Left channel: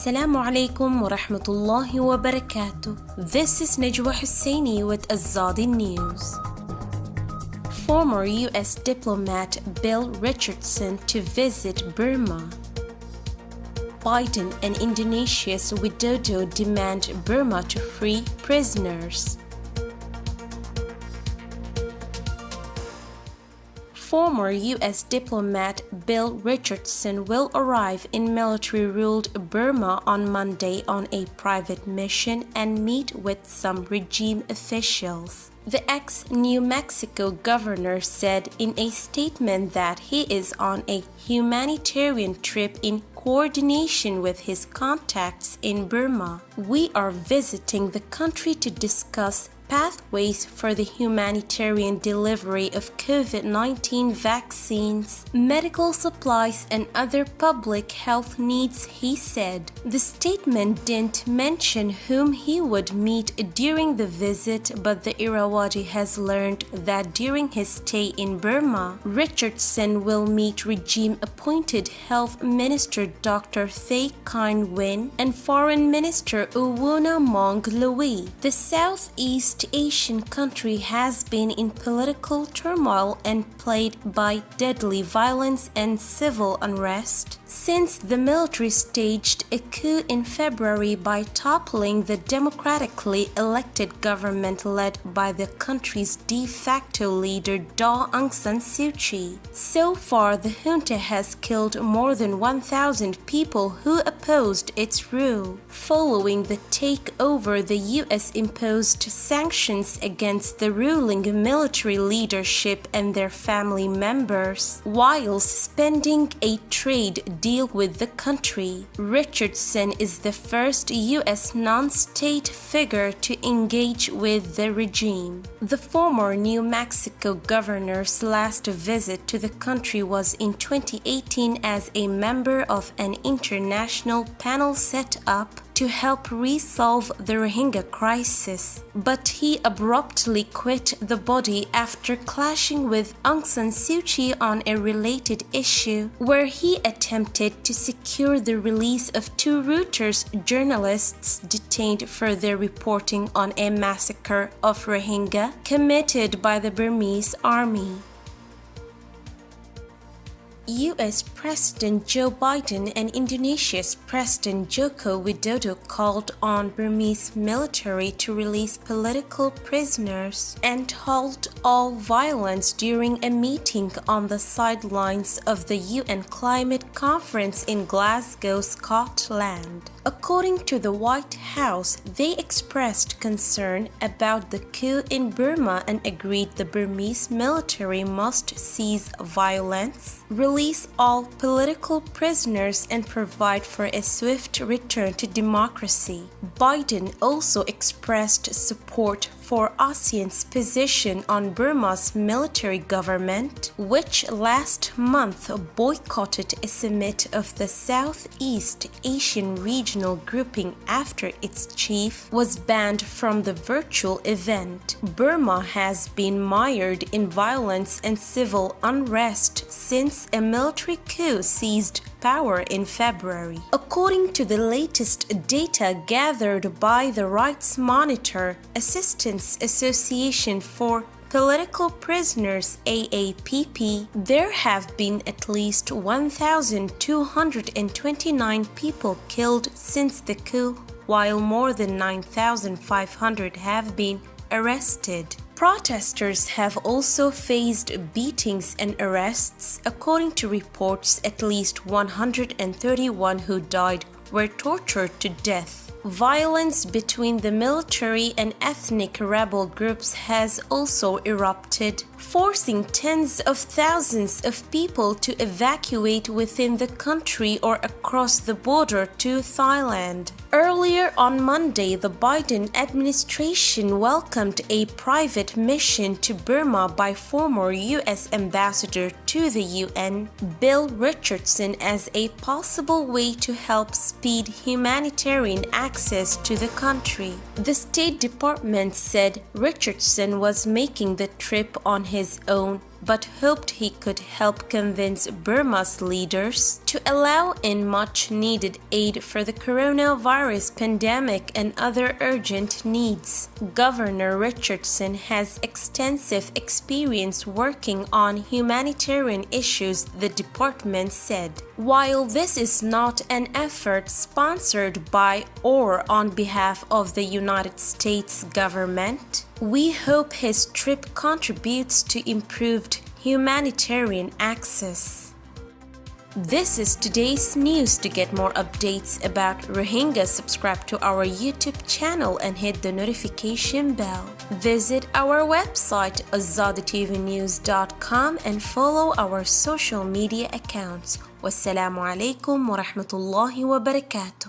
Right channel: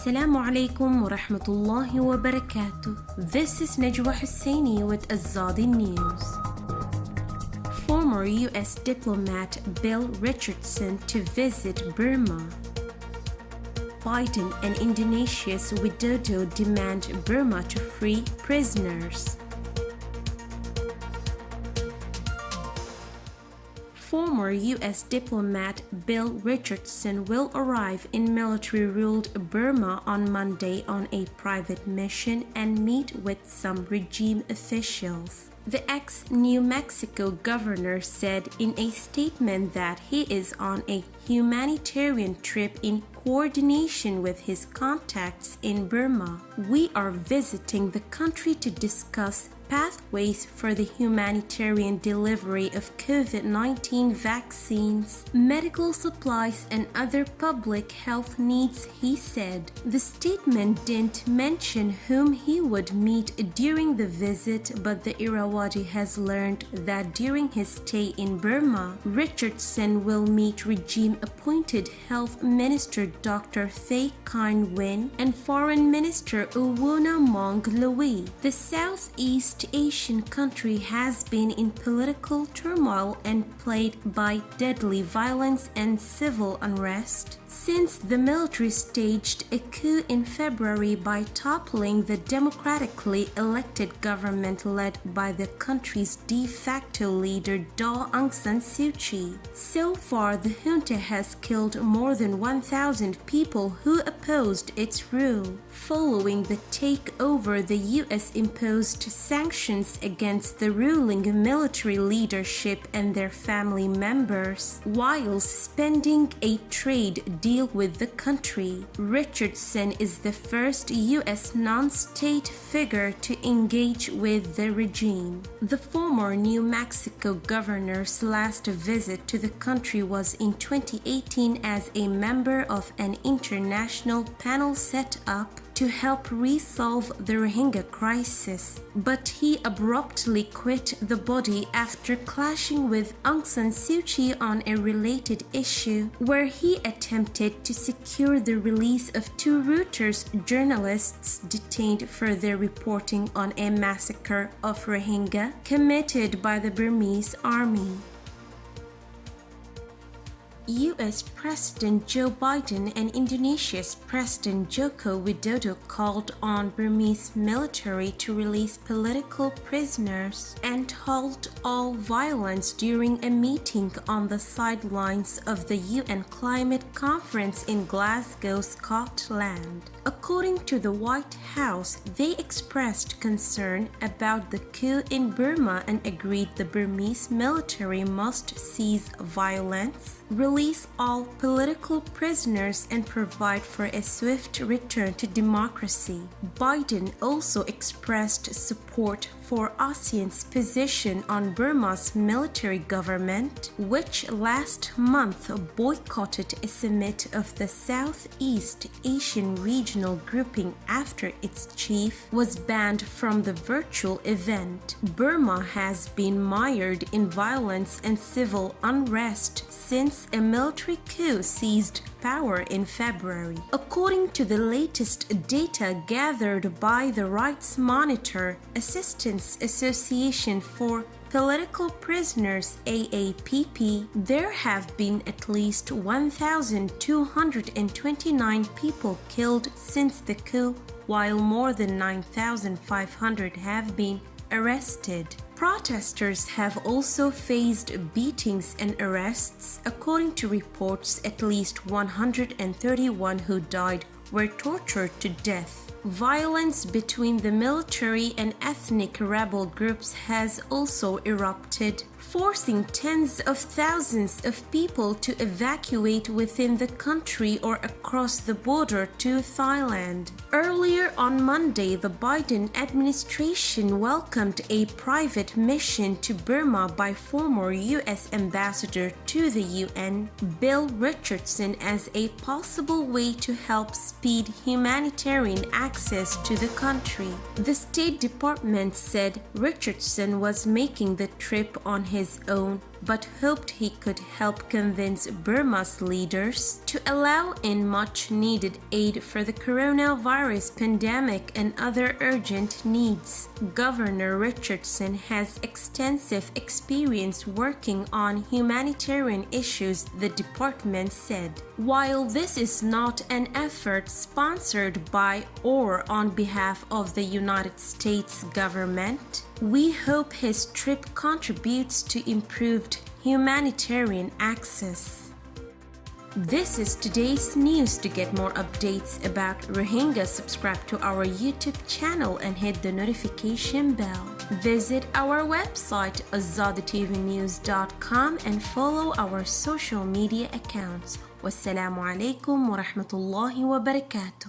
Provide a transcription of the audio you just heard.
Assalamu alaikum wa rahmatullahi wa barakatuh. This is Najwa Husseini with Azadi News. Former U.S. diplomat Bill Richardson to visit Burma. Biden and Indonesia's Widodo demand Burma to free prisoners. Former U.S. diplomat Bill Richardson will arrive in military-ruled Burma on Monday on a private mission and meet with some regime officials. The ex-New Mexico governor said in a statement that he is on a humanitarian trip in coordination with his contacts in Burma. We are visiting the country to discuss pathways for the humanitarian delivery of COVID-19 vaccines, medical supplies, and other public health needs, he said. The statement didn't mention whom he would meet during the visit, but the Irrawaddy has learned that during his stay in Burma, Richardson will meet regime-appointed Health Minister Dr. Thay Kien Win and Foreign Minister Uwunamong Louis. The Southeast Asian country has been in political turmoil and plagued by deadly violence and civil unrest since the military staged a coup in February by toppling the democratically elected government led by the country's de facto leader Daw Aung San Suu Kyi. So far, the junta has killed more than 1,000 people who opposed its rule. Following the takeover, the U.S. imposed sanctions against the ruling military leadership and their family members, while suspending a trade deal with the country. Richardson is the first U.S. non-state figure to engage with the regime. The former New Mexico governor's last visit to the country was in 2018 as a member of an international panel set up to help resolve the Rohingya crisis, but he abruptly quit the body after clashing with Aung San Suu Kyi on a related issue, where he attempted to secure the release of two Reuters journalists detained for their reporting on a massacre of Rohingya committed by the Burmese army. U.S. President Joe Biden and Indonesia's President Joko Widodo called on Burmese military to release political prisoners and halt all violence during a meeting on the sidelines of the UN Climate Conference in Glasgow, Scotland. According to the White House, they expressed concern about the coup in Burma and agreed the Burmese military must cease violence, release all political prisoners, and provide for a swift return to democracy. Biden also expressed support for ASEAN's position on Burma's military government, which last month boycotted a summit of the Southeast Asian regional grouping after its chief was banned from the virtual event. Burma has been mired in violence and civil unrest since a military coup seized power in February. According to the latest data gathered by the Rights Monitor Assistance Association for Political Prisoners AAPP, there have been at least 1,229 people killed since the coup, while more than 9,500 have been arrested. Protesters have also faced beatings and arrests. According to reports, at least 131 who died were tortured to death. Violence between the military and ethnic rebel groups has also erupted, forcing tens of thousands of people to evacuate within the country or across the border to Thailand. Earlier on Monday, the Biden administration welcomed a private mission to Burma by former U.S. Ambassador to the UN, Bill Richardson, as a possible way to help speed humanitarian access to the country. The State Department said Richardson was making the trip on his own but hoped he could help convince Burma's leaders to allow in much-needed aid for the coronavirus pandemic and other urgent needs. Governor Richardson has extensive experience working on humanitarian issues, the department said. While this is not an effort sponsored by or on behalf of the United States government, we hope his trip contributes to improved humanitarian access. This is today's news. To get more updates about Rohingya, subscribe to our YouTube channel and hit the notification bell. Visit our website azaditvnews.com and follow our social media accounts. Wassalamu alaikum wa rahmatullahi wa barakatuh.